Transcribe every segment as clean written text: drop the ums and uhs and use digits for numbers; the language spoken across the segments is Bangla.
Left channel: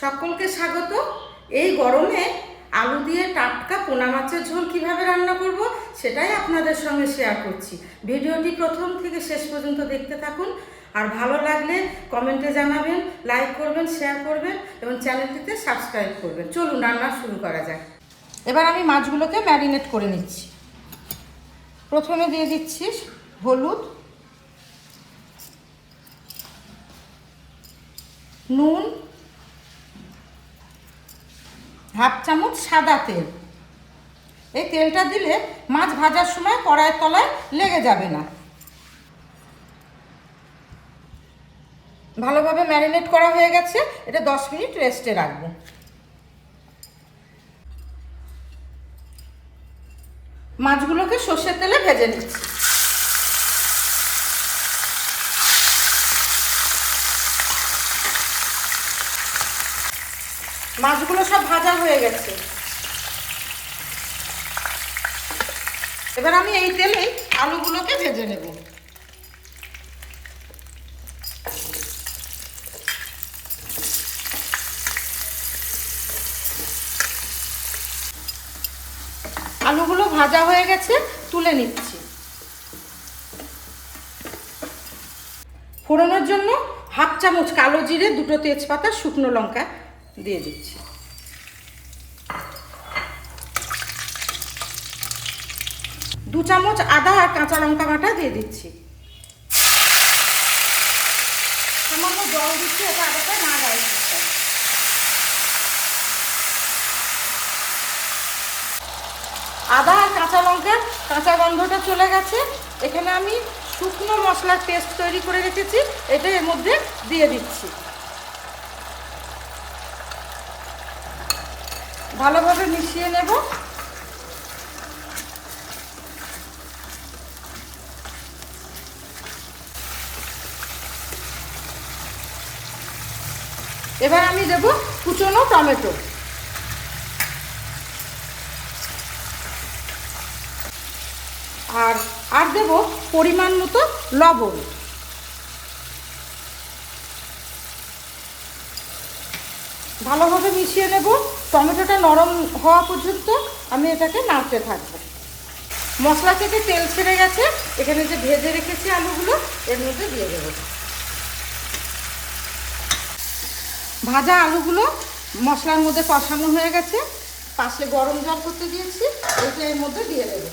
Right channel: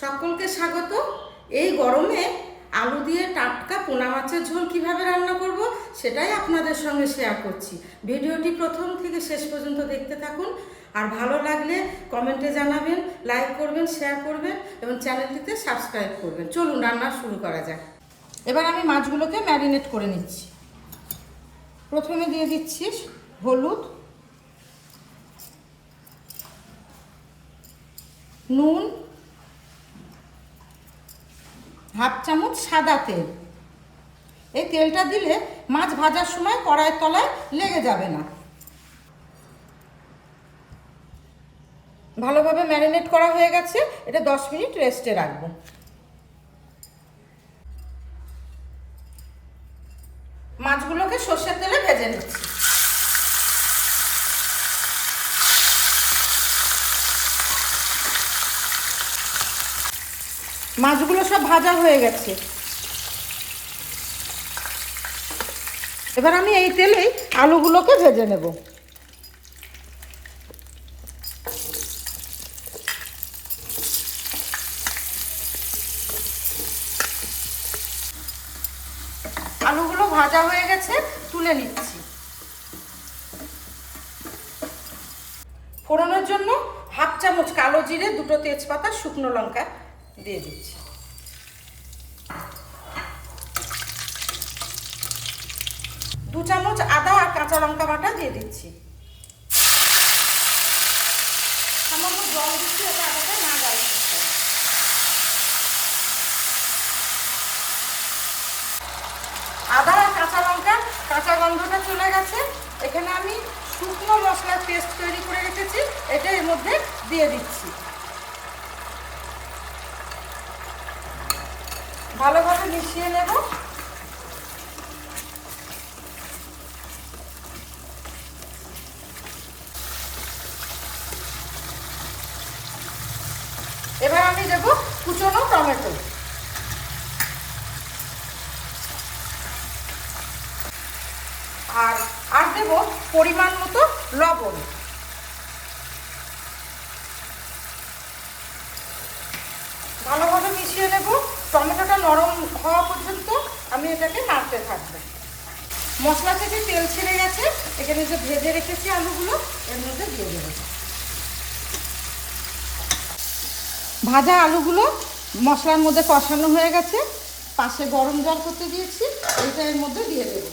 সকলকে স্বাগত। এই গরমে আলু দিয়ে টাটকা পোনা মাছের ঝোল কিভাবে রান্না করব সেটাই আপনাদের সঙ্গে শেয়ার করছি। ভিডিওটি প্রথম থেকে শেষ পর্যন্ত দেখতে থাকুন। আর ভালো লাগলে কমেন্টে জানাবেন, লাইক করবেন, শেয়ার করবেন এবং চ্যানেলটিতে সাবস্ক্রাইব করবেন। চলুন রান্না শুরু করা যাক। এবার আমি মাছগুলোকে ম্যারিনেট করে নিচ্ছি। প্রথমে দিয়ে দিচ্ছি হলুদ, নুন, হাফ চামচ সাদা তেল। এই তেলটা দিলে মাছ ভাজার সময় কড়াইয়ের তলায় লেগে যাবে না। ভালোভাবে ম্যারিনেট করা হয়ে গেছে, এটা 10 মিনিট রেস্টে রাখবো। মাছগুলোকে সর্ষের তেলে ভেজে নিচ্ছি। মাছগুলো সব ভাজা হয়ে গেছে। এবার আমি এই তেলে আলুগুলোকে ভেজে নেব। আলুগুলো ভাজা হয়ে গেছে, তুলে নিচ্ছি। ফোড়নের জন্য হাফ চামচ কালো জিরে, 2টো তেজপাতা, শুকনো লঙ্কা দিয়ে দিচ্ছি। দু চামচ আদা আর কাঁচা লঙ্কা বাটা দিয়ে দিচ্ছি। সামান্য জল দিচ্ছি, এটা আদাটা না গায়ে। আদা আর কাঁচা লঙ্কার কাঁচা গন্ধটা চলে গেছে। এখানে আমি শুকনো মশলার পেস্ট তৈরি করে রেখেছি, এটা এর মধ্যে দিয়ে দিচ্ছি। ভালোভাবে মিশিয়ে নেব। এবার আমি দেব কুচনো টমেটো, আর দেব পরিমাণ মতো লবণ। ভালোভাবে মিশিয়ে নেব। টমেটোটা নরম হওয়া পর্যন্ত আমি এটাকে নাড়তে থাকবো। মশলা থেকে তেল ছেড়ে গেছে, এখানে যে ভেজে রেখেছি আলুগুলো এর মধ্যে দিয়ে দেবো। ভাজা আলুগুলো মশলার মধ্যে কষানো হয়ে গেছে। পাশে গরম জল করতে দিয়েছি, এইটা এর মধ্যে দিয়ে দেবো।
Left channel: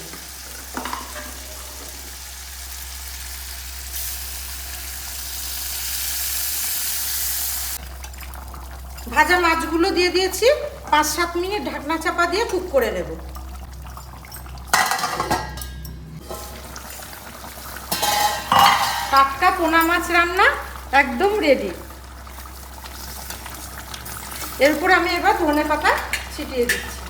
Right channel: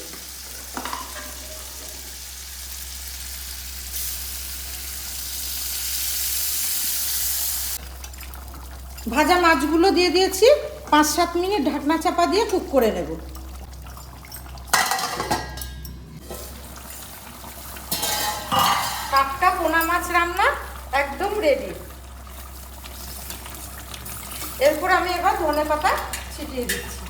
ভাজা মাছগুলো দিয়ে দিয়েছি। 5-7 মিনিট ঢাকনা চাপা দিয়ে কুক করে নেব। টাটকা পোনা মাছ রান্না একদম রেডি। এরপর আমি এবার ধনেপাতা ছিটিয়ে দিচ্ছি।